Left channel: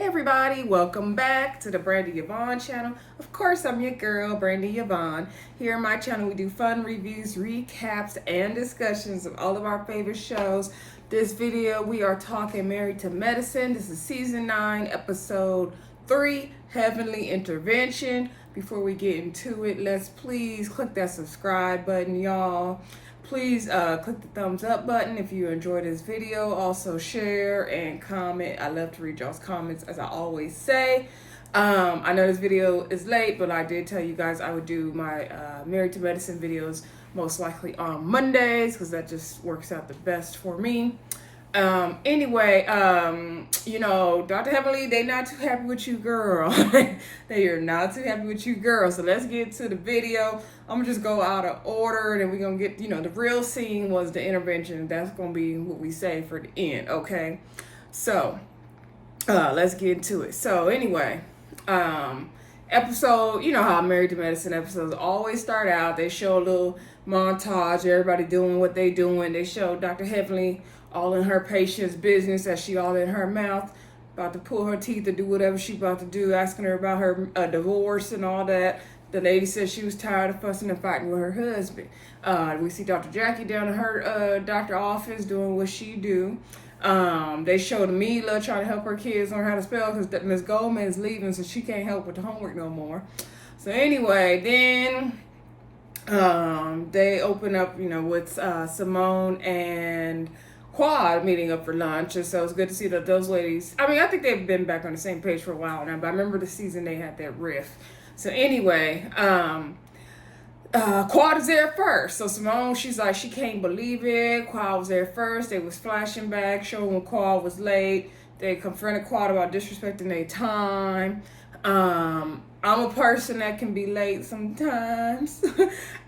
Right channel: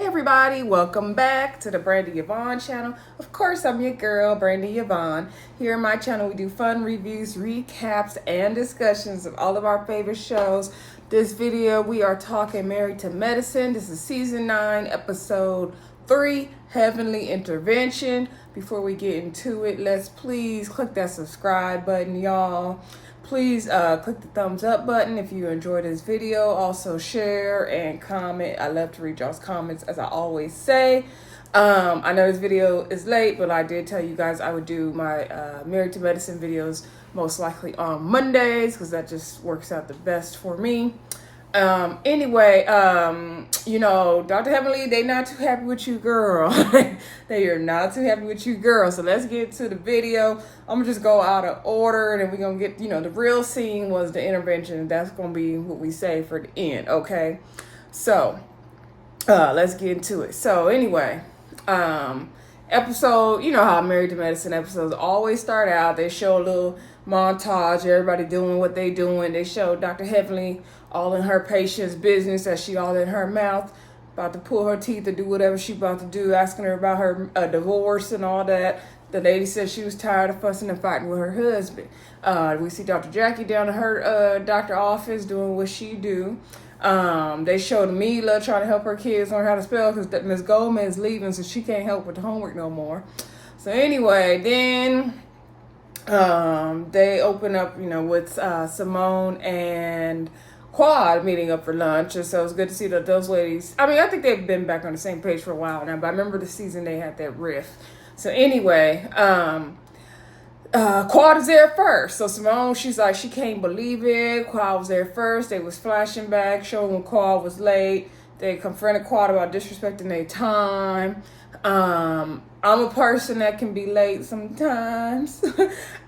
Hey everybody, welcome back to the Brandy Yvonne channel. Of course, I'm your girl, Brandy Yvonne. Here on my channel, we do fun reviews, recaps, and discussions of all of our favorite shows. This video, we are talking Married to Medicine. This is season 9, episode 3, Heavenly Intervention. Before we get into it, let's please click that subscribe button, y'all. Please click the thumbs up button if you enjoyed this video. Also share and comment. I love to read y'all's comments, as I always say. I know this video is late, but I did tell you guys I would do my Married to Medicine videos most likely on Mondays, because that just works out the best for me. Anyway, you know, Dr. Heavenly, they not too happy with you, girl. They are not too happy with you, girl. So let's get to the video. I'm gonna just go out of order, and then we're gonna get, you know, the real scene was the intervention. That's gonna be what we say for the end, okay? So, let's get into it. So anyway, episode, you know how Married to Medicine episodes always start out. They show a little montage, everybody doing what they doing. They show Dr. Heavenly all in her patient's business, as she all in her mouth, about to pull her teeth or do whatever she about to do, asking her about her divorce and all that. The lady said she was tired of fussing and fighting with her husband. We see Dr. Jackie down in her doctor office doing what she do. They showed Mila trying to help her kids learn how to spell, because Miss Goldman is leaving, so she can't help with the homework no more. So anyway, then they open up, you know, with Simone and Quad meeting up for lunch. And so it's good to see that those ladies, I mean, I think they've been back on the same page for a while now, but I remember the season they had that riff. So anyway, Quad is there first. So Simone, she's like, she can't believe it. Quad was there first. They was flashing back, showing when Quad was late. They confronted Quad about disrespecting their time. I'm a person that can be late sometimes,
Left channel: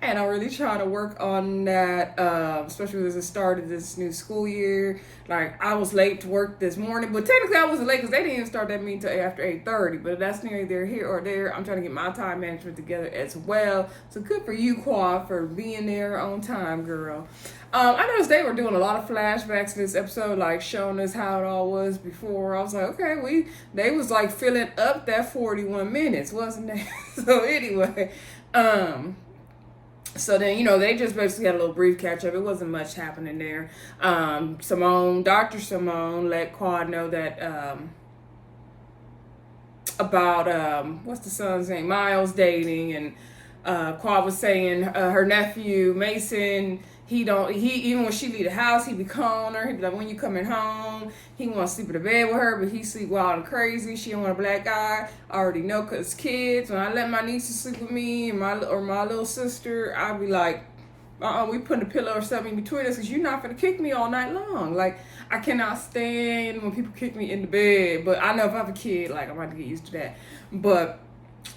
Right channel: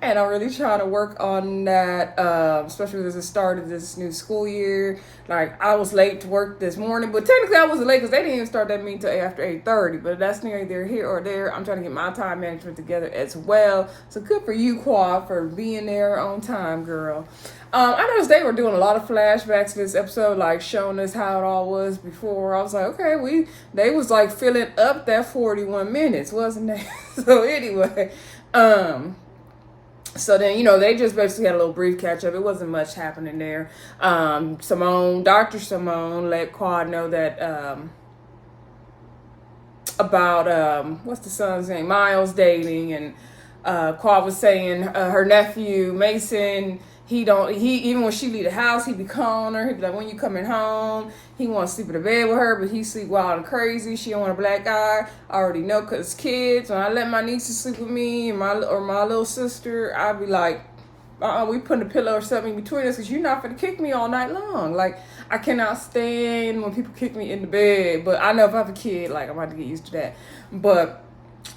and I'm really trying to work on that, especially as the start of this new school year. Like, I was late to work this morning, but technically I wasn't late because they didn't even start that meeting until after 8:30, but that's neither here or there. I'm trying to get my time management together as well. So good for you, Quad, for being there on time, girl. I noticed they were doing a lot of flashbacks this episode, like showing us how it all was before. I was like, okay, they was like filling up that 41 minutes, wasn't they? So anyway, so then, you know, they just basically had a little brief catch up. It wasn't much happening there. Dr. Simone let Quad know that, about, what's the son's name? Miles dating, and, Quad was saying, her nephew, Mason, even when she leave the house, he be calling her. He be like, when you coming home? He want to sleep in the bed with her, but he sleep wild and crazy. She don't want a black guy. I already know, because kids, when I let my nieces sleep with me and my little sister, I'd be like, we putting a pillow or something between us, because you're not going to kick me all night long. Like, I cannot stand when people kick me in the bed. But I know if I have a kid, like, I'm about to get used to that. But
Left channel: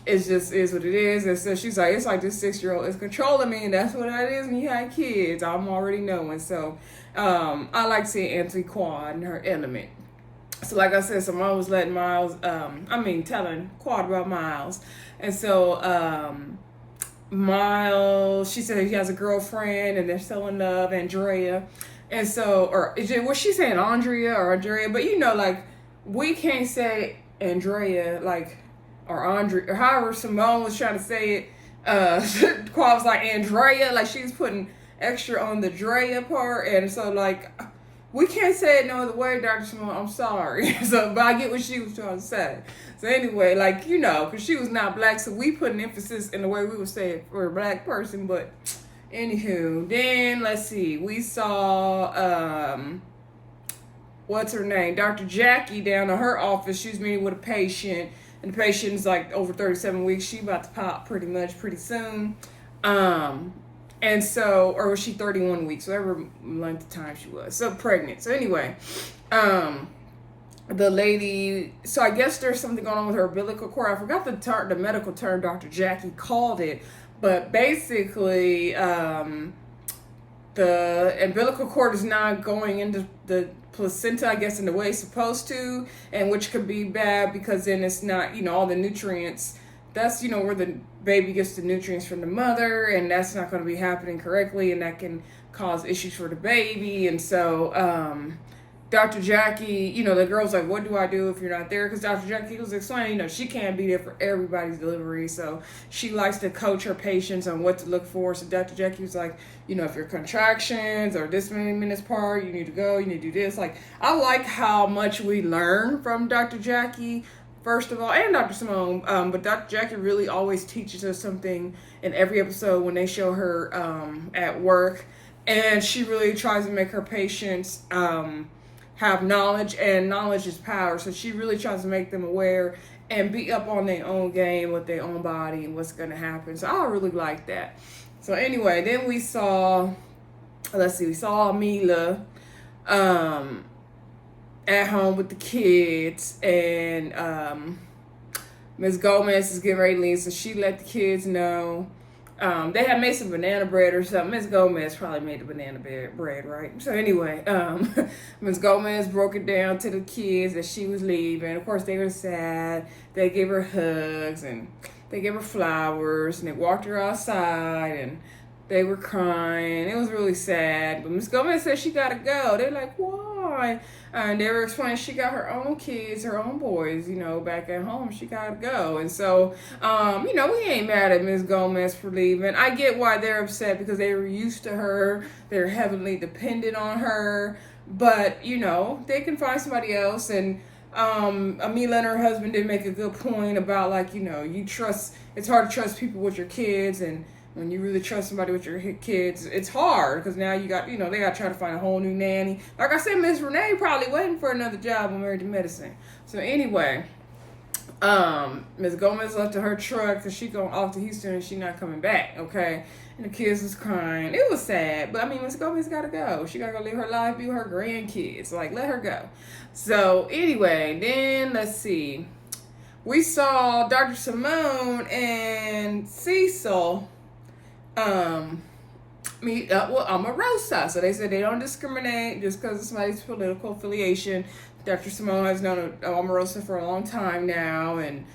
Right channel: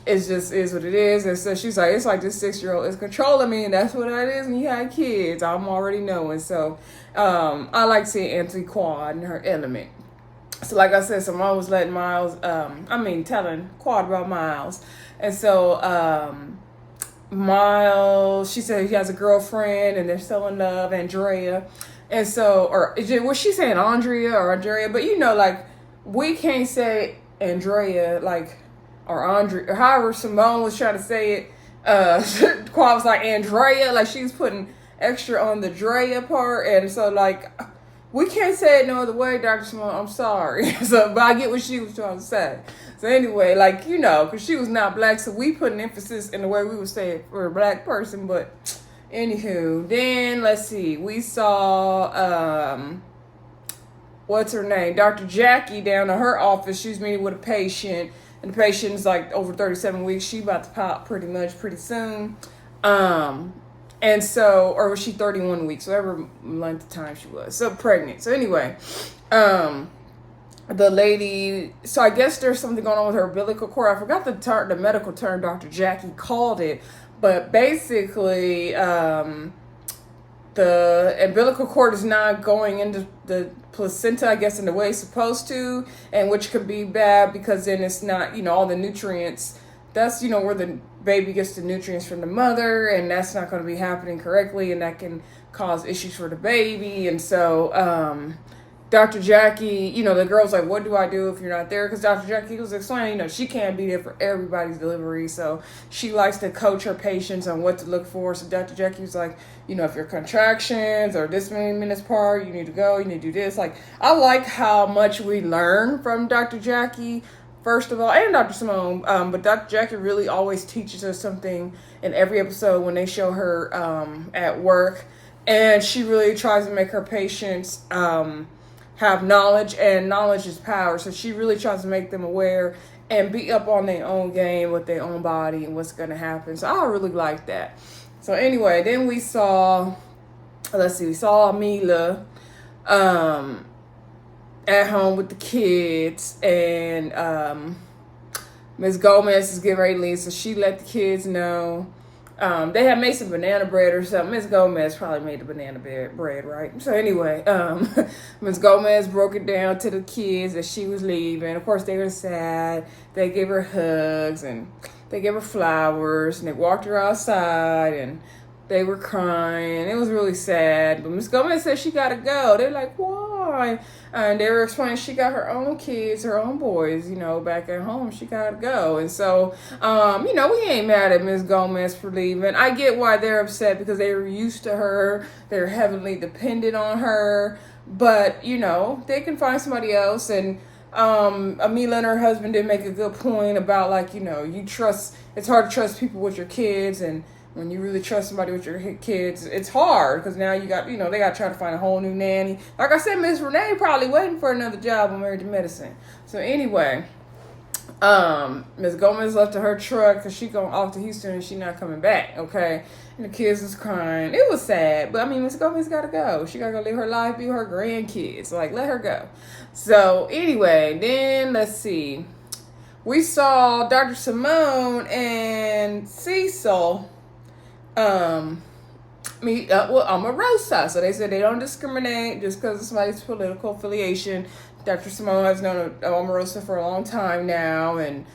it's just is what it is. And so she's like, it's like this 6-year-old is controlling me, and that's what it is when you have kids. I'm already knowing. So I like seeing Auntie Quad in her element. So like I said, Simone was letting telling Quad about Miles. And so Miles, she said he has a girlfriend and they're still in love, Andrea. And so, was she saying Andrea or Andrea? But you know, like, we can't say Andrea, like, or Andre, or however Simone was trying to say it. Quad was like Andrea, like she was putting extra on the Drea part, and so like we can't say it no other way, Dr. Simone. I'm sorry. So, but I get what she was trying to say. So anyway, like, you know, because she was not black, so we put an emphasis in the way we would say it for a black person. But anywho, then let's see, we saw what's her name, Dr. Jackie down in her office. She's meeting with a patient. And the patient's like over 37 weeks. She about to pop pretty soon. And so, or was she 31 weeks? Whatever length of time she was. So pregnant. So anyway, the lady, so I guess there's something going on with her umbilical cord. I forgot the medical term Dr. Jackie called it. But basically, the umbilical cord is not going into the placenta, I guess, in the way it's supposed to, and which could be bad, because then it's not, you know, all the nutrients. That's, you know, where the baby gets the nutrients from the mother, and that's not going to be happening correctly, and that can cause issues for the baby. And so Dr. Jackie, the girl's like, what do I do if you're not there? Because Dr. Jackie was explaining, she can't be there for everybody's delivery. So she likes to coach her patients on what to look for. So Dr. Jackie was like, if your contractions are this many minutes apart, you need to go, you need to do this. Like, I like how much we learn from Dr. Jackie, first of all, and Dr. Simone. But Dr. Jackie really always teaches us something in every episode when they show her at work. And she really tries to make her patients have knowledge, and knowledge is power. So she really tries to make them aware and be up on their own game with their own body and what's going to happen. So I really like that. So anyway, then we saw Amila at home with the kids, and Miss Gomez is getting ready to leave, so she let the kids know. They had made some banana bread or something. Miss Gomez probably made the banana bread, right? So anyway, Miss Gomez broke it down to the kids that she was leaving. Of course, they were sad. They gave her hugs, and they gave her flowers, and they walked her outside, and they were crying. It was really sad. But Miss Gomez said she got to go. They're like, why? And they were explaining she got her own kids, her own boys, back at home. She got to go. And so, we ain't mad at Miss Gomez for leaving. I get why they're upset, because they were used to her. They're heavily dependent on her. But, they can find somebody else. And Amila and her husband did make a good point about, it's hard to trust people with your kids. And when you really trust somebody with your kids, it's hard, because now you got, they got to try to find a whole new nanny. Like I said, Miss Renee probably waiting for another job on Married to Medicine. So anyway, Miss Gomez left to her truck because she going off to Houston and she not coming back, okay? And the kids was crying. It was sad, but Miss Gomez got to go. She got to go live her life, be with her grandkids. Like, let her go. So anyway, then let's see. We saw Dr. Simone and Cecil Omorosa. So they said they don't discriminate just because of somebody's political affiliation. Dr. Simone has known Omorosa for a long time now, and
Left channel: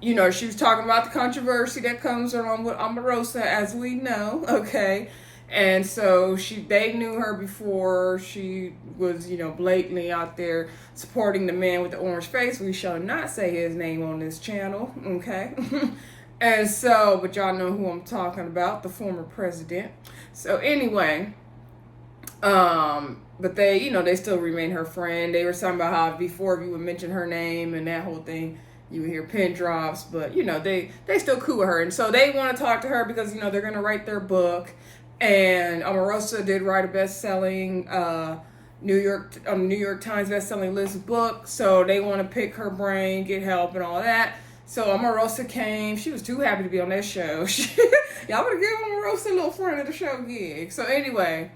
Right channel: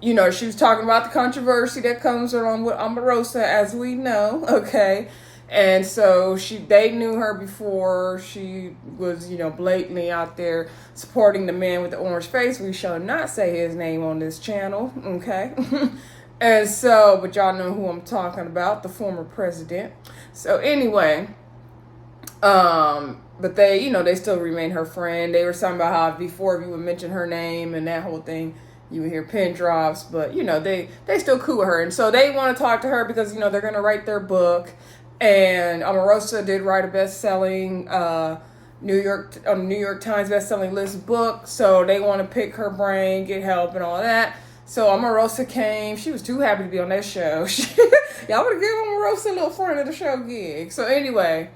she was talking about the controversy that comes along with Omorosa, as we know, okay? And so they knew her before she was, blatantly out there supporting the man with the orange face. We shall not say his name on this channel, okay? And so, but y'all know who I'm talking about, the former president. So anyway, but they, they still remain her friend. They were talking about how before if you would mention her name and that whole thing, you would hear pin drops. But, they still cool with her. And so they want to talk to her because, they're going to write their book. And Omorosa did write a best-selling New York Times best-selling list book. So they want to pick her brain, get help and all that. So Omorosa came. She was too happy to be on that show. Y'all would have given Omorosa a little friend of the show gig. So anyway,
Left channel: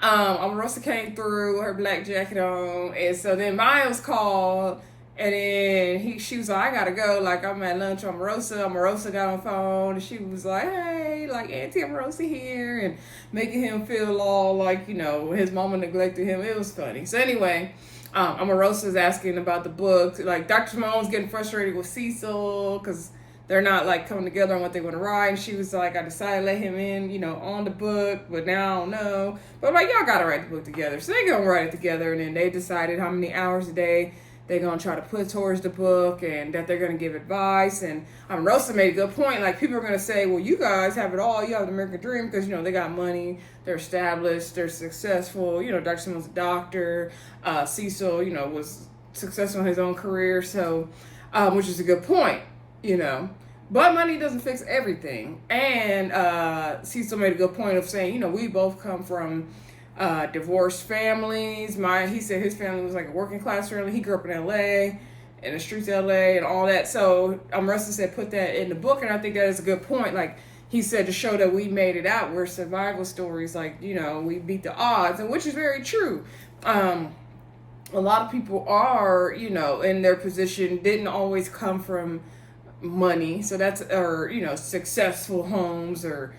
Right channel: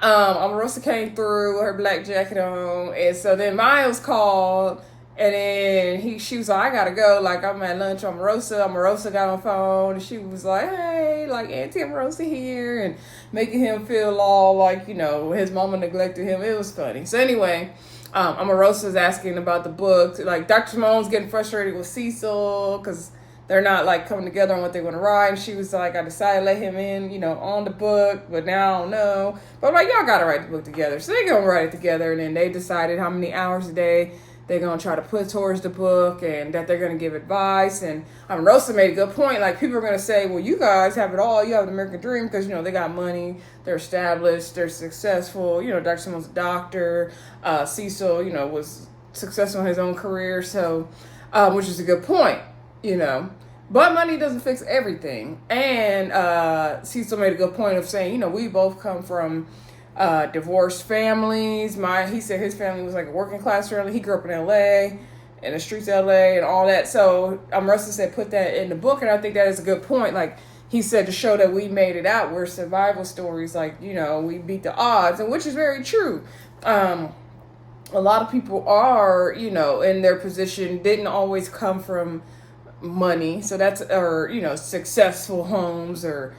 Omorosa came through with her black jacket on. And so then Miles called. And then she was like, I gotta go. Like, I'm at lunch with Omorosa. Omorosa got on the phone. And she was like, hey, like, Auntie Omorosa here. And making him feel all like, his mama neglected him. It was funny. So anyway, Omorosa was asking about the book. Like, Dr. Simone's getting frustrated with Cecil because they're not, like, coming together on what they want to write. And she was like, I decided to let him in, on the book, but now I don't know. But I'm like, y'all got to write the book together. So they're going to write it together. And then they decided how many hours a day they're going to try to put towards the book and that they're going to give advice. And Rosa made a good point. Like, people are going to say, well, you guys have it all. You have the American dream because, they got money. They're established. They're successful. Dr. Simone's a doctor. Cecil, was successful in his own career. So, which is a good point, But money doesn't fix everything. And Cecil made a good point of saying, we both come from divorced families. He said his family was like a working class family. He grew up in LA, in the streets of LA and all that. So Russell said put that in the book, and I think that is a good point. Like he said, to show that we made it out. We're survival stories, like, we beat the odds, and which is very true. A lot of people are, in their position, didn't always come from money. So that's, or, successful homes or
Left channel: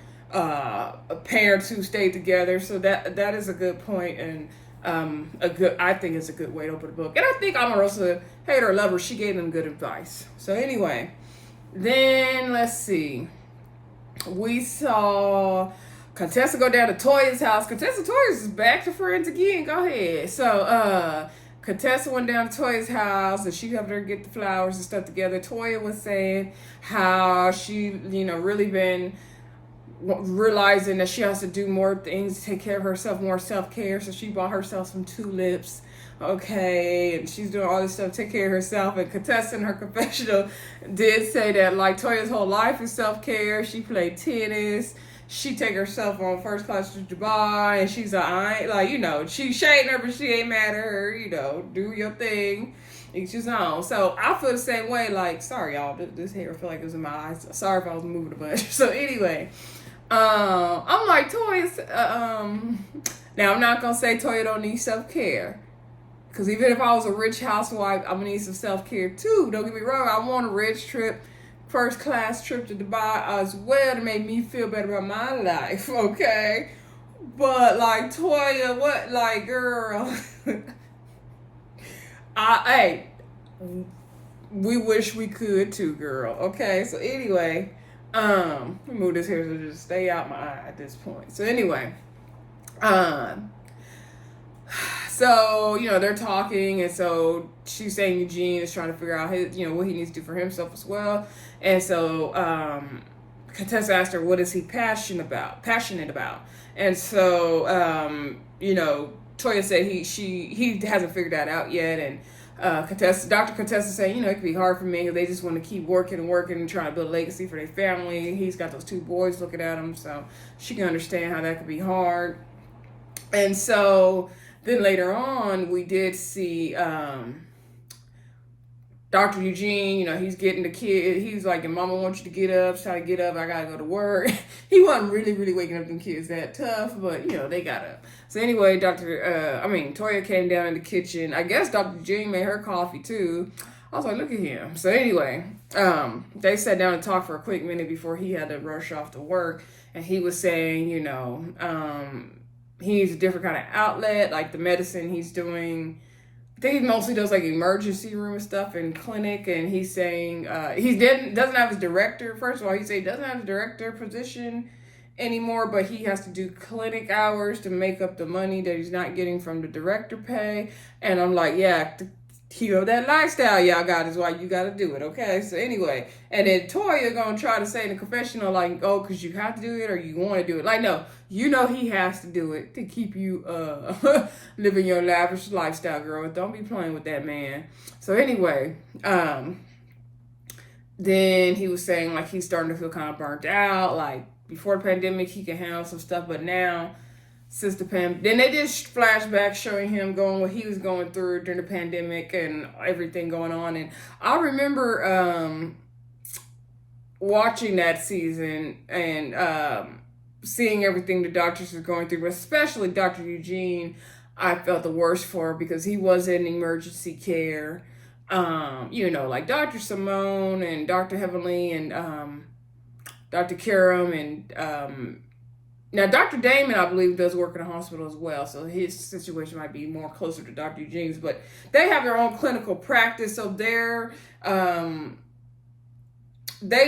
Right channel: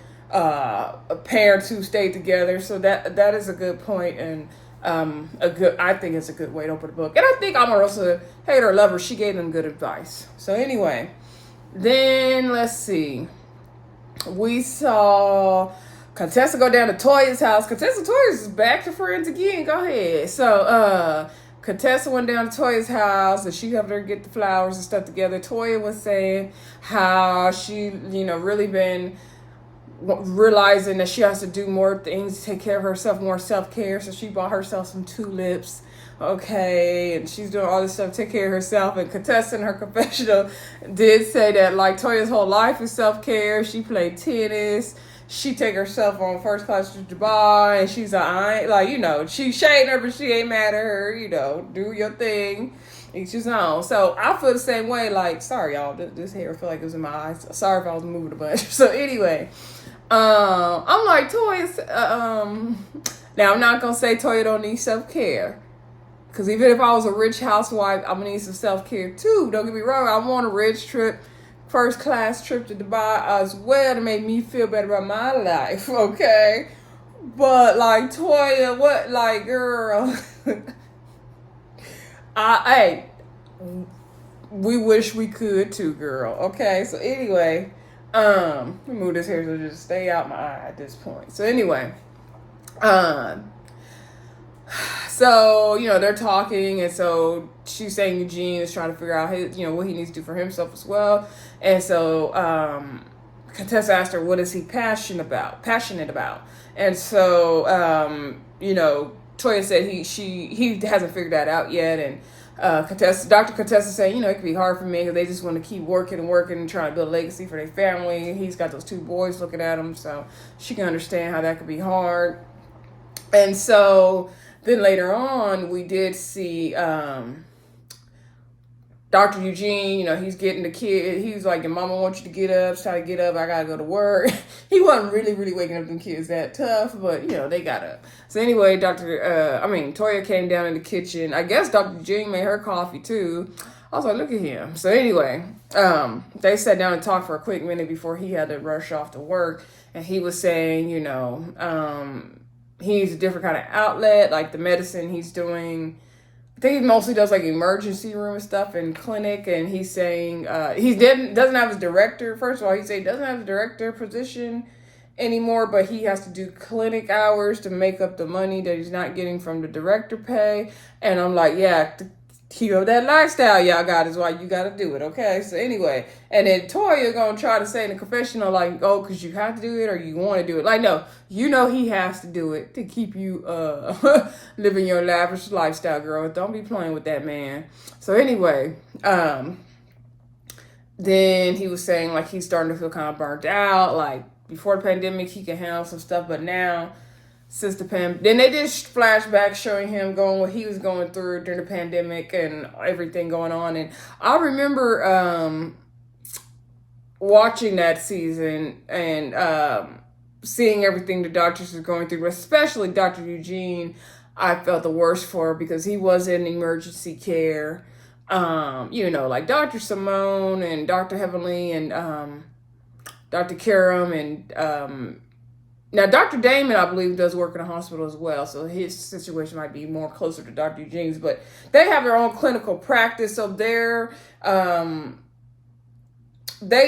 parents who stayed together. So that is a good point, and I think it's a good way to open the book. And I think Omorosa, hater or lover, she gave them good advice. So anyway, then let's see. We saw Contessa go down to Toya's house. Toya's is back to friends again. Go ahead. So, Contessa went down to Toya's house and she helped her get the flowers and stuff together. Toya was saying how she, really been realizing that she has to do more things to take care of herself, more self-care. So she bought herself some tulips. Okay, and she's doing all this stuff to take care of herself. And Contessa in her confessional did say that, like, Toya's whole life is self-care. She played tennis. She take herself on first class to Dubai, and she's like, I ain't, like, she's shading her, but she ain't mad at her, do your thing. Each his own. So I feel the same way. Like, sorry, y'all, this hair feel like it was in my eyes. Sorry if I was moving a bunch. So anyway, I'm like, Toya, now I'm not going to say Toya don't need self-care. Because even if I was a rich housewife, I'm going to need some self-care too. Don't get me wrong. I want a rich trip, first class trip to Dubai as well to make me feel better about my life, okay? But like, Toya, what, like, girl, hey, we wish we could too, girl, okay? So anyway, let me move this here so just stay out my eye at this point. So anyway, so, they're talking, and so she's saying Eugene is trying to figure out his, what he needs to do for himself as well. And so Contessa asked her, what is he passionate about? And so, Toya said he hasn't figured that out yet. And Dr. Contessa saying, it could be hard for men because they just want to keep working and trying to build a legacy for their family. He's got those 2 boys looking at him, so she can understand how that could be hard. And so then later on, we did see Dr. Eugene, he's getting the kid. He's like, your mama wants you to get up. Try to get up. I got to go to work. He wasn't really, really waking up them kids that tough, but, they got up. So anyway, Toya came down in the kitchen. I guess Dr. Eugene made her coffee too. I was like, look at him. So anyway, they sat down and talked for a quick minute before he had to rush off to work. And he was saying, he needs a different kind of outlet, like the medicine he's doing. I think he mostly does like emergency room and stuff in clinic, and he's saying doesn't have his director. First of all, he said he doesn't have a director position anymore, but he has to do clinic hours to make up the money that he's not getting from the director pay. And I'm like, yeah, that lifestyle y'all got is why you got to do it, okay? So anyway, and then Toya gonna try to say in the confessional, like, oh, because you have to do it or you want to do it. Like, no, he has to do it to keep you living your lavish lifestyle, girl. Don't be playing with that man. So anyway, then he was saying, like, he's starting to feel kind of burnt out. Like, before the pandemic, he could handle some stuff, but now, since the pandemic, then they did flashbacks showing him going what he was going through during the pandemic and everything going on. And I remember watching that season and seeing everything the doctors were going through, but especially Dr. Eugene, I felt the worst for because he was in emergency care. Like Dr. Simone and Dr. Heavenly and Dr. Karam and now, Dr. Damon, I believe, does work in a hospital as well, so his situation might be more closer to Dr. Eugene's, but they have their own clinical practice, so they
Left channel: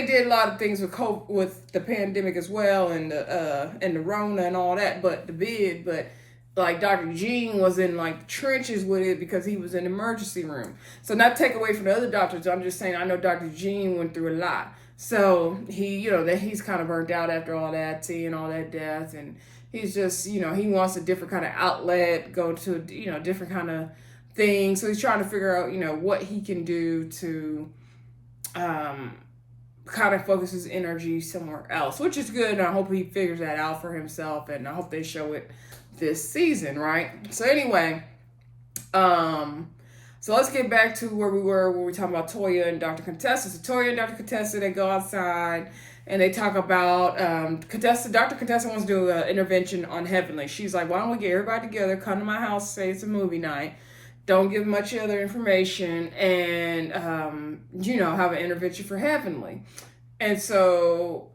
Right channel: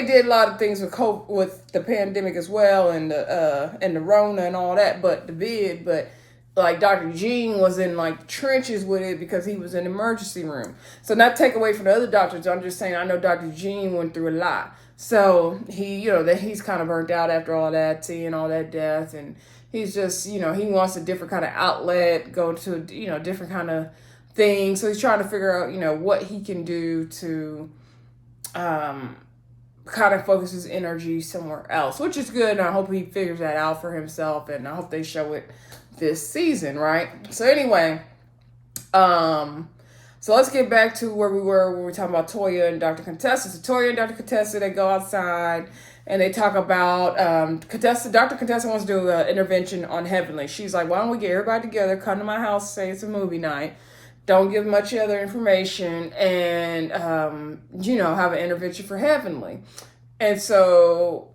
did a lot of things with the pandemic as well, and the Rona and all that, but like Dr. Eugene was in like trenches with it because he was in the emergency room. So not take away from the other doctors, I'm just saying I know Dr. Eugene went through a lot. So he, that he's kind of burnt out after all that, seeing all that death, and he's just, he wants a different kind of outlet, go to, different kind of thing. So he's trying to figure out, what he can do to kind of focus his energy somewhere else, which is good. And I hope he figures that out for himself, and I hope they show it this season, right? So anyway, so let's get back to where we were when we were talking about Toya and Dr. Contessa. So Toya and Dr. Contessa, they go outside and they talk about Dr. Contessa wants to do an intervention on Heavenly. She's like, why don't we get everybody together, come to my house, say it's a movie night, don't give much other information, and have an intervention for Heavenly. And so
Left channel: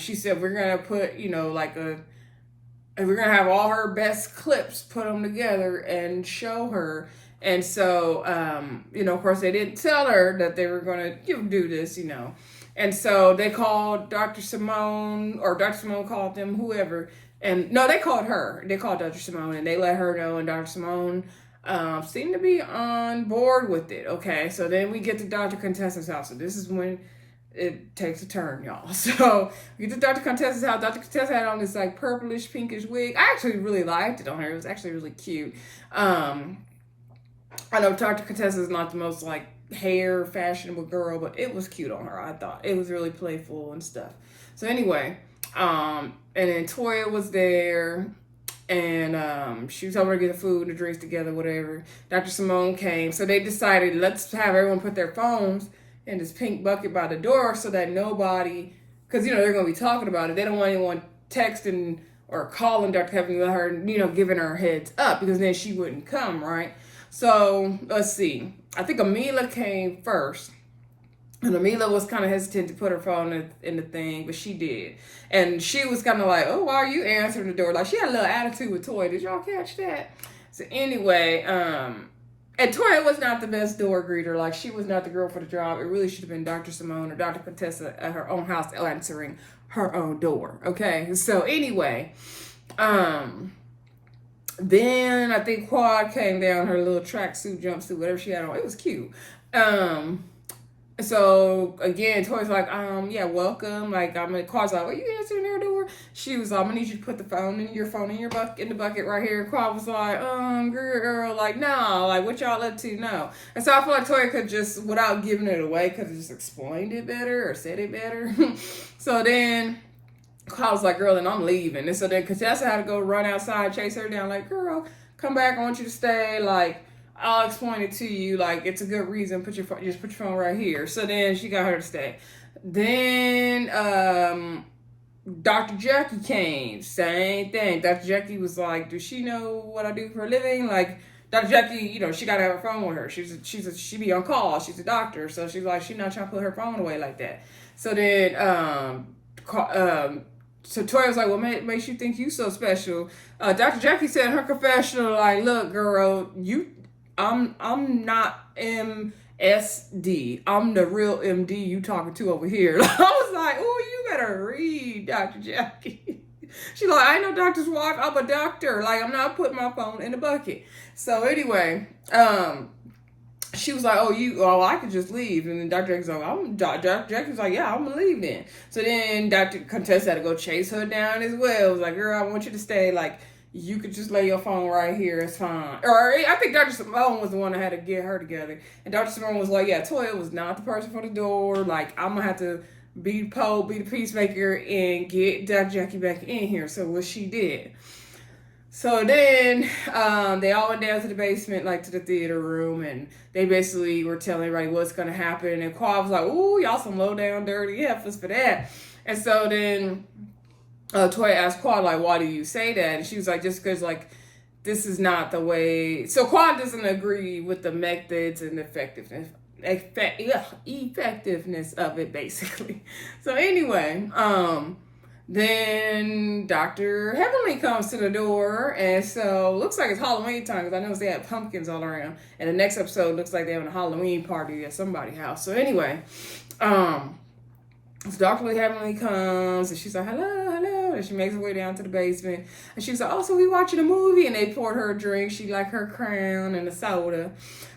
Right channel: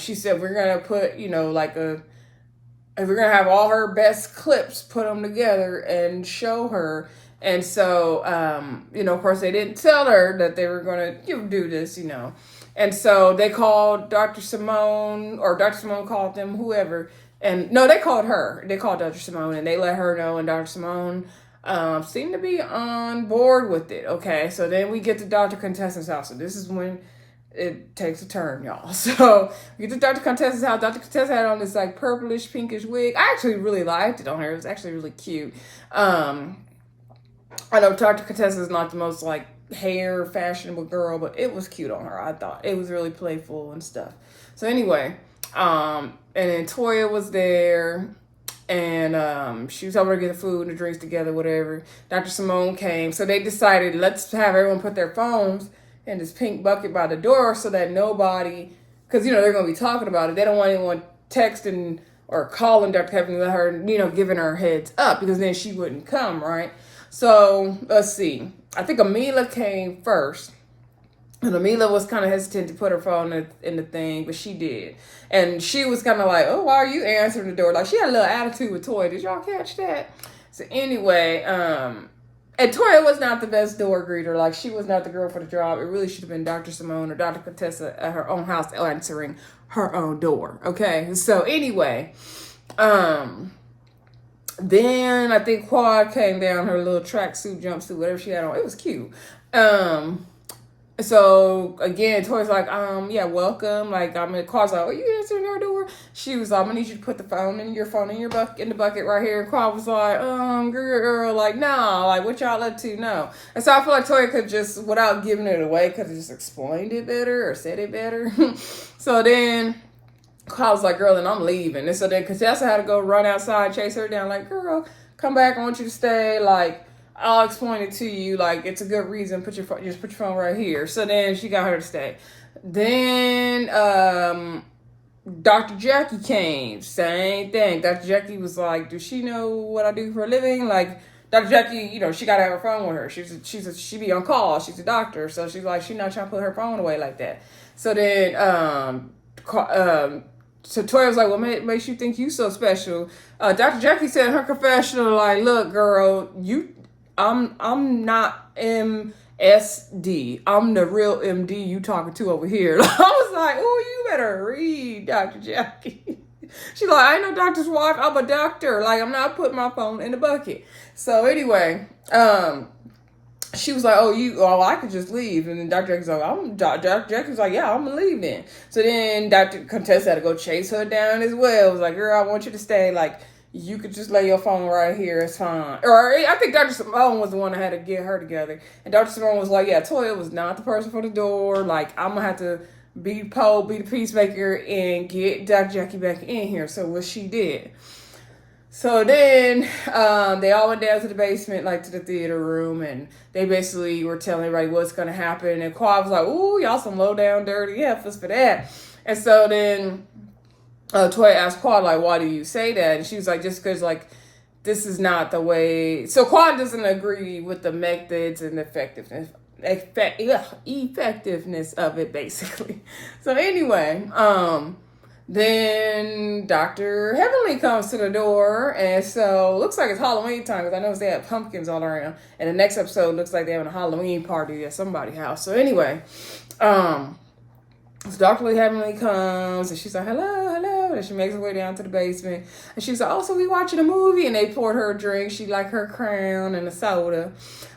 she said, we're gonna put we're gonna have all her best clips, put them together and show her. And so, of course, they didn't tell her that they were going to do this, And so they called Dr. Simone, or Dr. Simone called them, whoever, And no, they called her. They called Dr. Simone, and they let her know, and Dr. Simone seemed to be on board with it. Okay, so then we get to Dr. Contessa's house. So this is when it takes a turn, y'all. So we get to Dr. Contessa's house. Dr. Contessa had on this like purplish, pinkish wig. I actually really liked it on her. It was actually really cute. I know Dr. Contessa is not the most like hair fashionable girl, but it was cute on her. I thought it was really playful and stuff. So anyway, and then Toya was there, and she was over to get the food and the drinks together, whatever. Dr. Simone came, so they decided, let's have everyone put their phones in this pink bucket by the door so that nobody, because you know they're going to be talking about it. They don't want anyone texting or calling Dr. Heavenly, let her, you know, giving her heads up, because then she wouldn't come, right? So let's see. I think Amila came first. And Amila was kind of hesitant to put her phone in the thing, but she did. And she was kind of like, oh, why are you answering the door? Like, she had a little attitude with Toya. Did y'all catch that? So anyway, and Toya was not the best door greeter. Like, she was not the girl for the job. It really should have been Dr. Simone or Dr. Contessa at her own house answering her own door. Okay? So anyway, then I think Quad came down, her little tracksuit, jumpsuit, whatever she had on. It was cute. So again, Toya's like, yeah, welcome. Like, Quad's like, well, you answering her door? She was like, I'm gonna need you to put the phone in your in the bucket right here. And Quad was like, girl, like, no, like, what y'all up to? No. And so I feel like Toya could just, without giving it away, could have just explained it better or said it better. So then I was like, girl, and I'm leaving. And so then Contessa had to go run outside, chase her down, like, girl, come back. I want you to stay. Like, I'll explain it to you. Like, it's a good reason. Just put your phone right here. So then she got her to stay. Then Dr. Jackie came. Same thing. Dr. Jackie was like, does she know what I do for a living? Like, Dr. Jackie, you know, she got to have her phone with her. She be on call. She's a doctor. So she's like, she's not trying to put her phone away like that. So then so Toya was like, well, makes you think you so special? Dr. Jackie said in her confessional, like, look, girl, I'm not MSD. I'm the real MD you talking to over here. I was like, oh, you better read, Dr. Jackie. She's like, I ain't no doctor's wife. I'm a doctor. Like, I'm not putting my phone in the bucket. So anyway, she was like, oh, I could just leave. And then Dr. Jackie's like, Dr. Jackie's like, yeah, I'm going to leave then. So then Dr. Contessa had to go chase her down as well. It was like, girl, I want you to stay. Like, you could just lay your phone right here. It's fine. Or I think Dr. Simone was the one that had to get her together. And Dr. Simone was like, yeah, Toya was not the person for the door. Like, I'm going to have to be the peacemaker and get Dr. Jackie back in here. So what she did. So then they all went down to the basement, like to the theater room, and they basically were telling everybody what's going to happen. And Quad was like, ooh, y'all some low down, dirty heifers for that. And so then Toya asked Quad, like, why do you say that? And she was like, just because, like, this is not the way. So Quad doesn't agree with the methods and effectiveness of it, basically. So anyway, then Dr. Heavenly comes to the door, and so looks like it's Halloween time, because I noticed they have pumpkins all around. And the next episode looks like they're having a Halloween party at somebody's house. So anyway, so Dr. Heavenly comes, and she's like, hello, hello. And she makes her way down to the basement. And she was like, oh, so we watching a movie? And they poured her a drink. She liked her crown and a soda.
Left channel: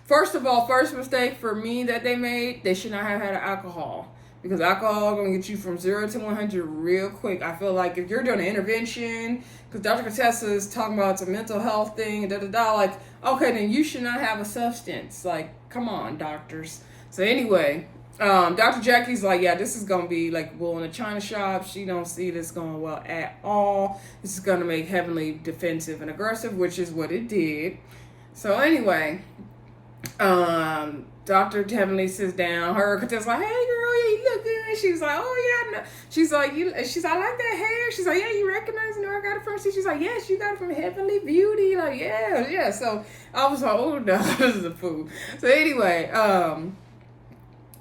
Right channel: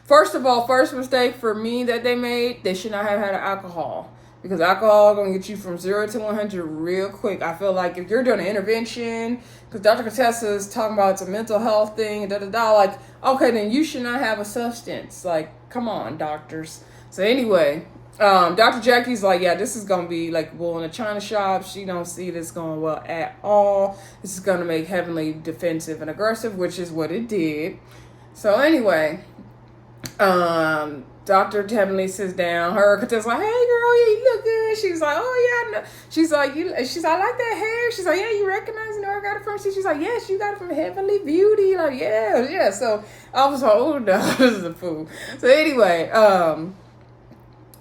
First of all, first mistake for me that they made, they should not have had alcohol. Because alcohol is going to get you from 0 to 100 real quick. I feel like if you're doing an intervention, because Dr. Contessa is talking about it's a mental health thing, like, okay, then you should not have a substance. Like, come on, doctors. So anyway, Dr. Jackie's like, yeah, this is going to be like wool in a china shop. She don't see this going well at all. This is going to make Heavenly defensive and aggressive, which is what it did. So anyway, Dr. Heavenly sits down. Her Contessa's like, hey girl, yeah, you look good. She's like, oh yeah, I know. She's like, I like that hair. She's like, yeah, you recognize where I got it from? She's like, yes, you got it from Heavenly Beauty. Like, yeah. So I was like, oh no, this is a fool. So anyway,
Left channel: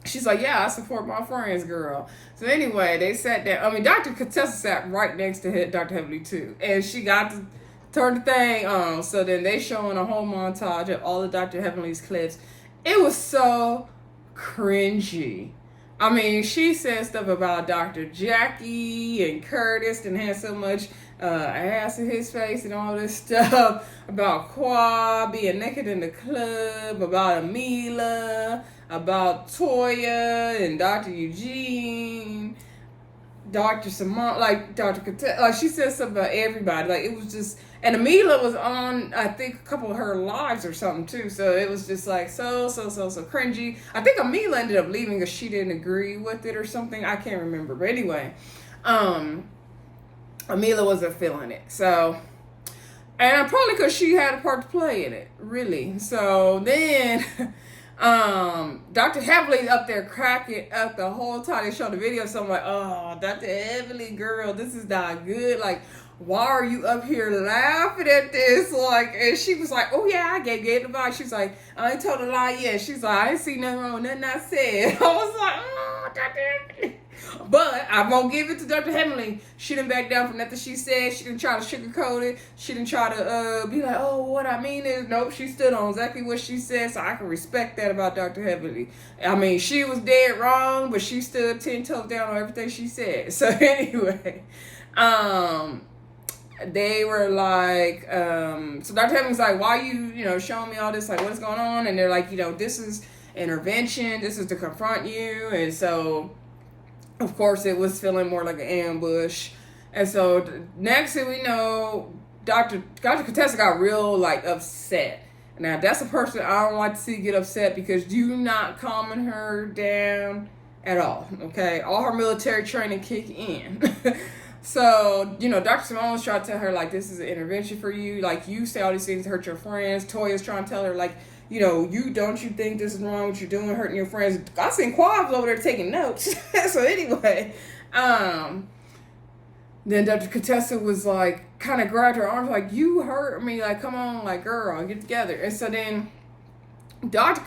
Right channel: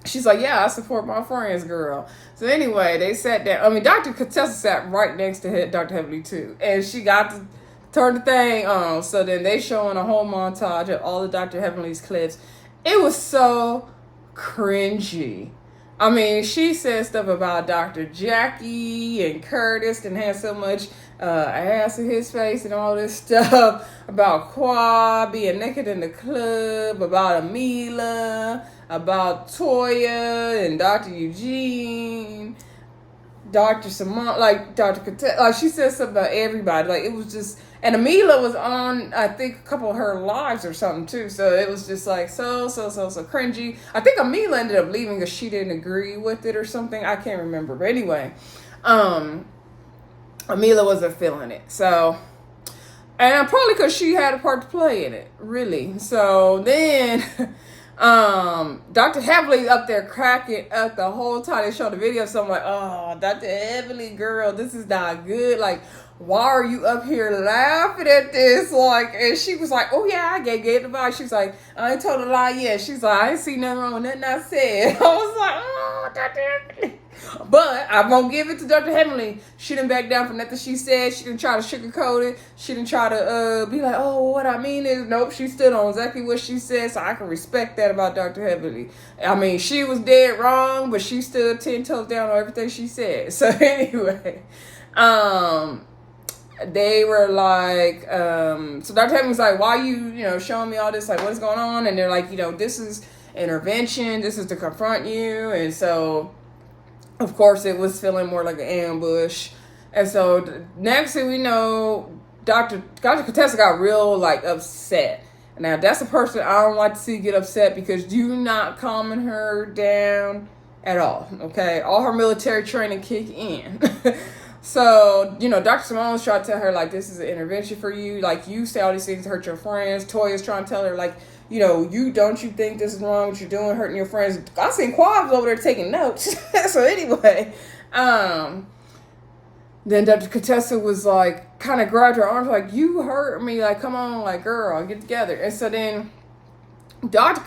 she's like, yeah, I support my friends, girl. So anyway, they sat down. I mean, Dr. Contessa sat right next to Dr. Heavenly too, and she got to turn the thing on. So then they showing a whole montage of all of Dr. Heavenly's clips. It was so cringy. I mean, she said stuff about Dr. Jackie and Curtis and had so much ass in his face and all this stuff about Qua being naked in the club, about Amila, about Toya and Dr. Eugene, Dr. Simone, like Dr. Contessa, like she said something about everybody. Like it was just, and Amila was on, I think, a couple of her lives or something too. So it was just like so cringy. I think Amila ended up leaving because she didn't agree with it or something. I can't remember. But anyway, Amila wasn't feeling it. So, and probably because she had a part to play in it, really. So then, Dr. Heavily up there cracking up the whole time they showed the video. So I'm like, oh, Dr. Heavily, girl, this is not good. Like, why are you up here laughing at this? Like, and she was like, oh yeah, I gave the vibe. She's like, I ain't told a lie yet. She's like, I ain't seen nothing wrong with nothing I said. I was like, oh, Dr. Heavily. But I'm gonna give it to Dr. Heavenly. She didn't back down for nothing she said. She didn't try to sugarcoat it. She didn't try to be like, oh, what I mean is, nope, she stood on exactly what she said. So I can respect that about Dr. Heavenly. I mean, she was dead wrong, but she stood 10 toes down on everything she said. So anyway, they were like, so Dr. Heavenly's like, why you showing me all this? Like, what's going on? And they're like, this is intervention. This is to confront you. And so, of course, it was feeling more like an ambush. And so next thing we know, Dr. Contessa got real like upset. Now that's a person I don't like to see get upset because you're not calming her down at all. Okay, all her military training kick in. So, Dr. Simone was trying to tell her, like, this is an intervention for you. Like, you say all these things to hurt your friends. Toya's trying to tell her, like, you think this is wrong, what you're doing, hurting your friends. I seen Quabs over there taking notes. So anyway, then Dr. Contessa was like, kind of grabbed her arms, like, you hurt me. Like, come on, like, girl, get together. And so then Dr.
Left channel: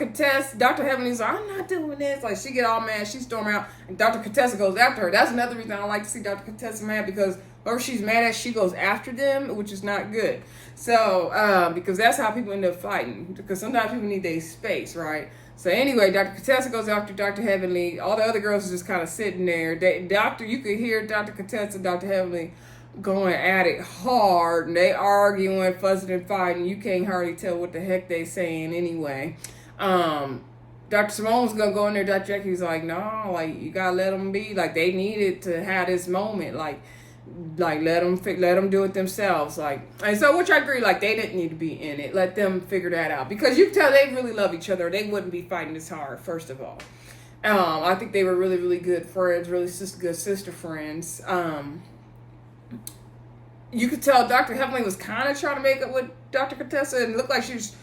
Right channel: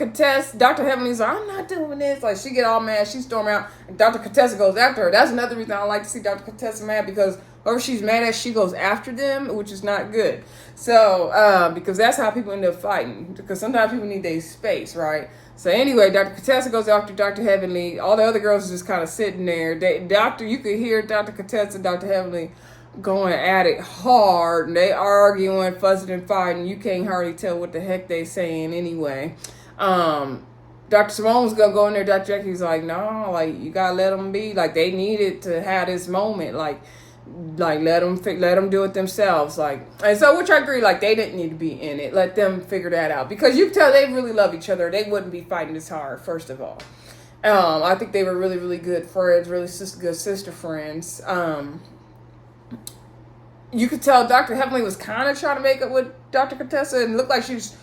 Heavenly's like, I'm not doing this. Like, she get all mad, she storm out, and Dr. Contessa goes after her. That's another reason I don't like to see Dr. Contessa mad, because whoever she's mad at, she goes after them, which is not good. So, because that's how people end up fighting, because sometimes people need their space, right? So anyway, Dr. Contessa goes after Dr. Heavenly. All the other girls are just kind of sitting there. You could hear Dr. Contessa and Dr. Heavenly going at it hard, and they arguing, fussing and fighting. You can't hardly tell what the heck they saying anyway. Dr. Simone was gonna go in there. Dr. Jackie's like, no, like, you gotta let them be. Like, they needed to have this moment. Like let them do it themselves. Like, and so, which I agree. Like, they didn't need to be in it. Let them figure that out, because you can tell they really love each other. They wouldn't be fighting this hard. First of all, I think they were really, really good friends. Really good sister friends. You could tell Dr. Heavenly was kind of trying to make up with Dr. Contessa, and it looked like she was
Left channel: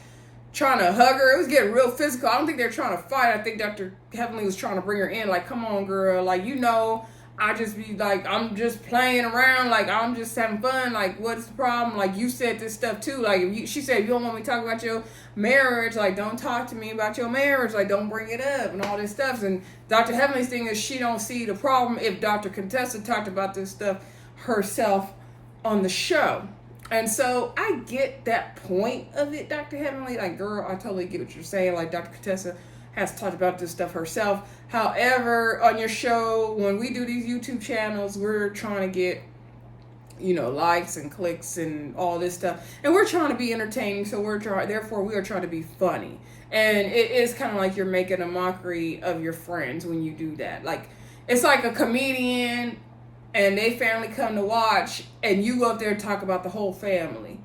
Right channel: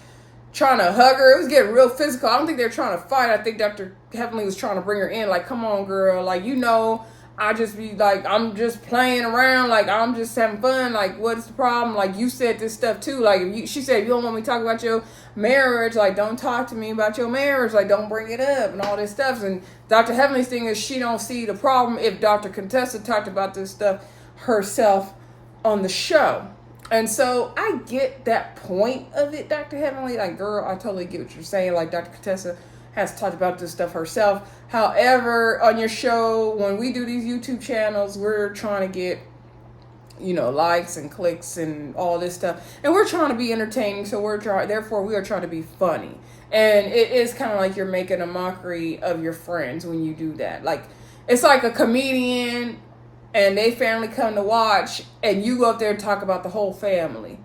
trying to hug her. It was getting real physical. I don't think they were trying to fight. I think Dr. Heavenly was trying to bring her in. Like, come on, girl. Like, I just be like, I'm just playing around. Like, I'm just having fun. Like, what's the problem? Like, you said this stuff too. Like, she said, you don't want me to talk about your marriage. Like, don't talk to me about your marriage. Like, don't bring it up and all this stuff. And Dr. Heavenly's thing is she don't see the problem if Dr. Contessa talked about this stuff herself on the show. And so I get that point of it, Dr. Heavenly. Like, girl, I totally get what you're saying. Like, Dr. Contessa has talked about this stuff herself. However, on your show, when we do these YouTube channels, we're trying to get, likes and clicks and all this stuff. And we're trying to be entertaining. So therefore we are trying to be funny. And it is kind of like you're making a mockery of your friends when you do that. Like, it's like a comedian and they family come to watch, and you go up there and talk about the whole family,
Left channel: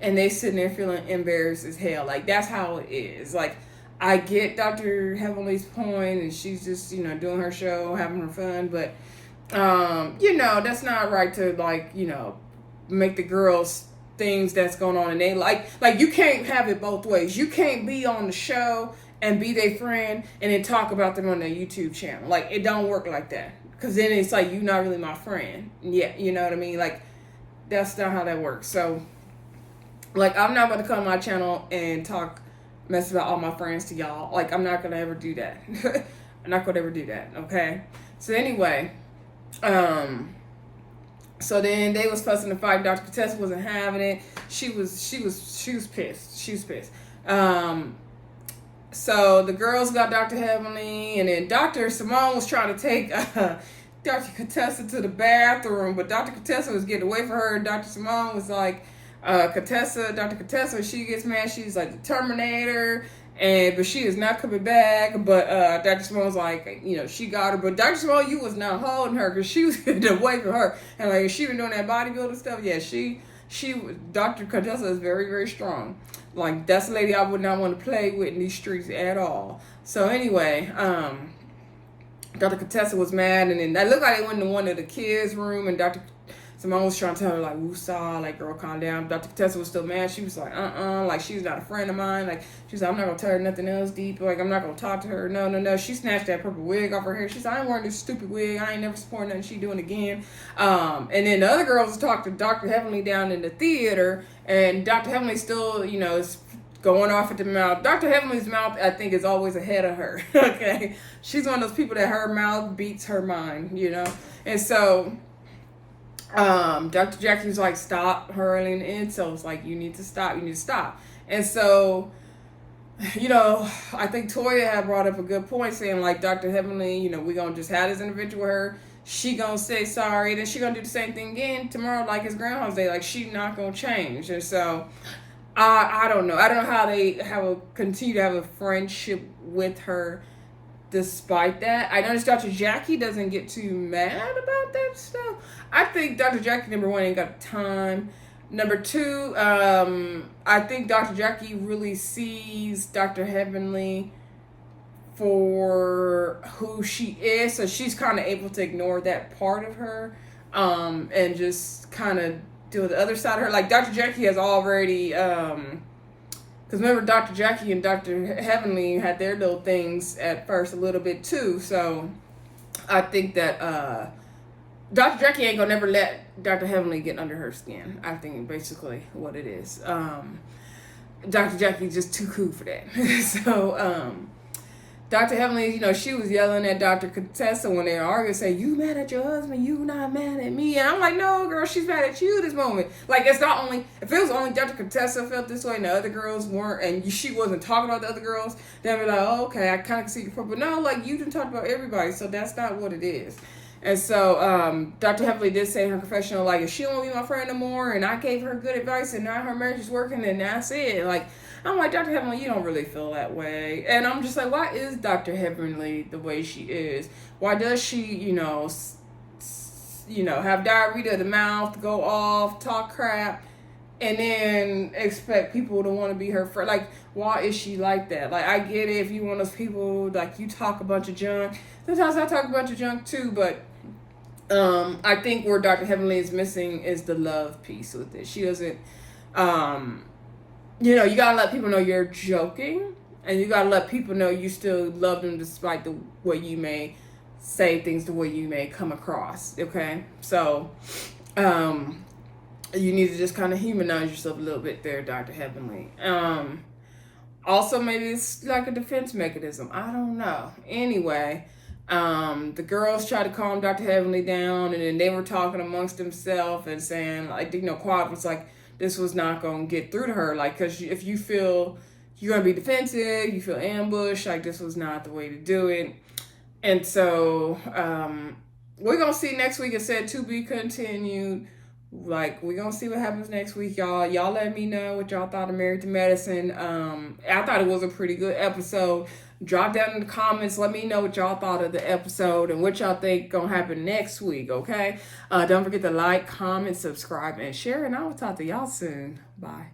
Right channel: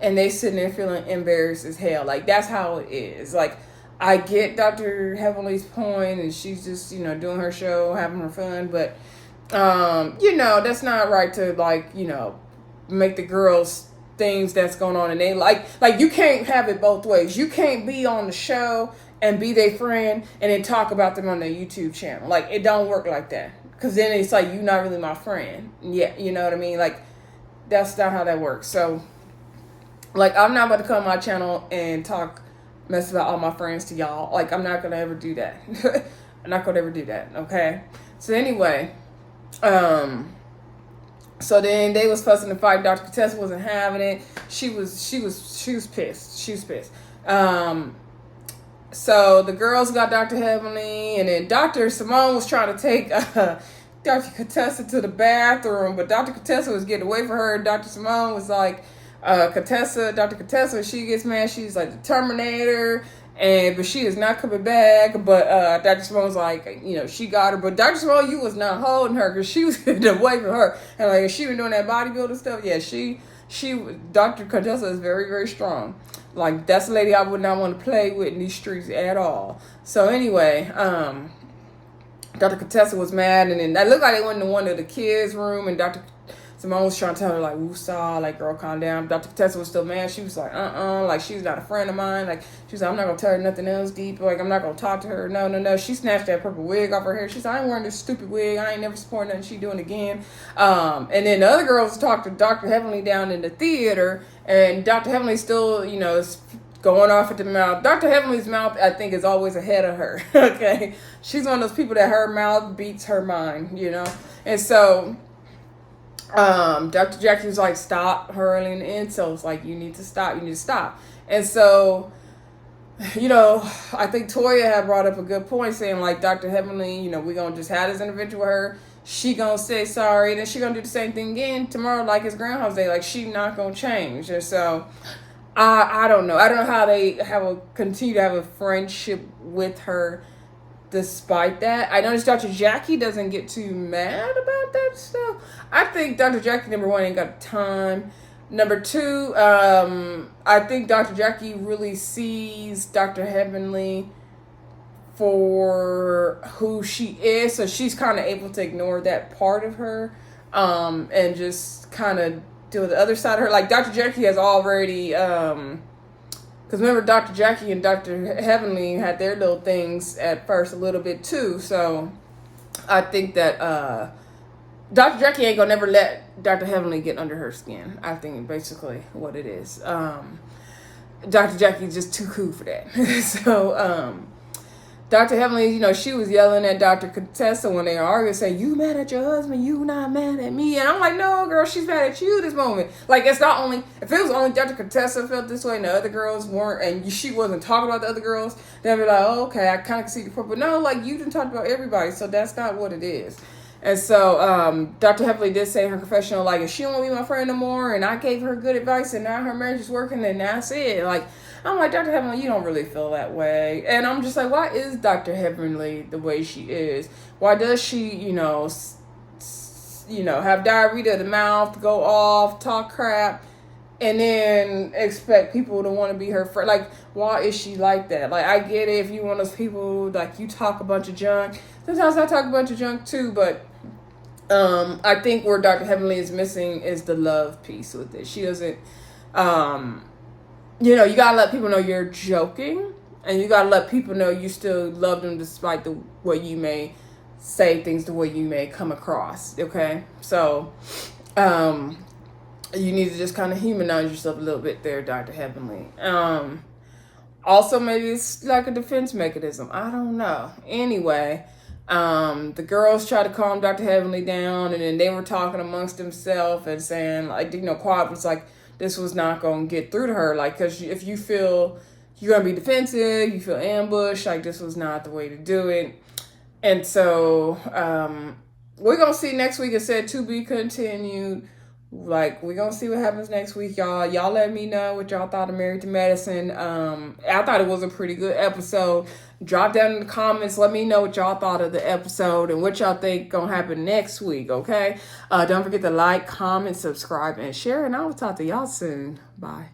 and they sitting there feeling embarrassed as hell. Like, that's how it is. Like, I get Dr. Heavenly's point, and she's just, doing her show, having her fun, but, that's not right to, like, make the girls things that's going on, and they like, you can't have it both ways. You can't be on the show and be their friend and then talk about them on their YouTube channel. Like, it don't work like that. Because then it's like, you're not really my friend. Yeah, you know what I mean? Like, that's not how that works. So, like, I'm not about to come on my channel and mess about all my friends to y'all. Like, I'm not going to ever do that. I'm not going to ever do that, okay? So, anyway, so then they was fussing and fighting. Dr. Contessa wasn't having it. She was pissed. She was pissed. So the girls got Dr. Heavenly, and then Dr. Simone was trying to take Dr. Contessa to the bathroom, but Dr. Contessa was getting away from her. And Dr. Simone was like, Dr. Contessa, she gets mad. She's like the Terminator, but she is not coming back. But Dr. Simone's like, she got her. But Dr. Simone, you was not holding her because she was getting away from her. And like, she was doing that bodybuilder stuff. Yeah, Dr. Contessa is very, very strong. Like, that's a lady I would not want to play with in these streets at all. So anyway, Dr. Contessa was mad, and then that looked like they went into one of the kids' room, and Dr. Simone was trying to tell her, like, woosah, like, girl, calm down. Dr. Contessa was still mad. She was like, like, she's not a friend of mine. Like, she was like, I'm not going to tell her nothing else deep. Like, I'm not going to talk to her. No. She snatched that purple wig off her hair. She said, I ain't wearing this stupid wig. I ain't never supporting nothing she doing again. And then the other girls talked to Dr. Heavenly down in the theater, and Dr. Heavenly still, is going off at the mouth. Dr. Heavenly's mouth, I think, is always ahead of her, okay? She's one of those people that her mouth beats her mind, And so Dr. Jackie's like, stop hurling insults. Like, you need to stop. And so, I think Toya had brought up a good point saying, like, Dr. Heavenly, we're going to just have this intervention with her. She going to say sorry. Then she going to do the same thing again tomorrow, like it's Groundhog's Day. Like, she not going to change. And so I don't know. I don't know how they continue to have a friendship with her despite that. I noticed Dr. Jackie doesn't get too mad about that stuff. I think Dr. Jackie, number one, ain't got time. Number two, I think Dr. Jackie really sees Dr. Heavenly for who she is. So she's kind of able to ignore that part of her and just kind of to the other side of her. Like, Dr. Jackie has already, because remember, Dr. Jackie and Dr. Heavenly had their little things at first a little bit too. So I think that Dr. Jackie ain't gonna never let Dr. Heavenly get under her skin. I think basically what it is. Dr. Jackie's just too cool for that. So Dr. Heavenly, she was yelling at Dr. Contessa when they were arguing, saying, you mad at your husband, you not mad at me. And I'm like, no, girl, she's mad at you this moment. Like, it's not only, if it was only Dr. Contessa felt this way and the other girls weren't, and she wasn't talking about the other girls, then I'd be like, oh, okay, I kind of can see your point. But no, like, you didn't talk about everybody, so that's not what it is. And so Dr. Heavenly did say in her confessional, like, if she don't want to be my friend no more, and I gave her good advice, and now her marriage is working, and that's it. Like, I'm like, Dr. Heavenly, you don't really feel that way. And I'm just like, why is Dr. Heavenly the way she is? Why does she, have diarrhea of the mouth, go off, talk crap, and then expect people to want to be her friend? Like, why is she like that? Like, I get it if you one of those people, like, you talk a bunch of junk. Sometimes I talk a bunch of junk too, but I think where Dr. Heavenly is missing is the love piece with it. She doesn't, you gotta let people know you're joking, and you gotta let people know you still love them despite the way you may say things, the way you may come across, okay? So, you need to just kind of humanize yourself a little bit there, Dr. Heavenly. Also, maybe it's like a defense mechanism. I don't know. Anyway, the girls tried to calm Dr. Heavenly down, and then they were talking amongst themselves and saying, like, Quad was like, this was not going to get through to her. Like, because if you feel you're going to be defensive, you feel ambushed, like, this was not the way to do it. And so we're going to see next week. It said to be continued. Like, we're going to see what happens next week, y'all. Y'all let me know what y'all thought of Married to Medicine. I thought it was a pretty good episode. Drop down in the comments. Let me know what y'all thought of the episode and what y'all think gonna happen next week, okay? Don't forget to like, comment, subscribe, and share. And I will talk to y'all soon. Bye.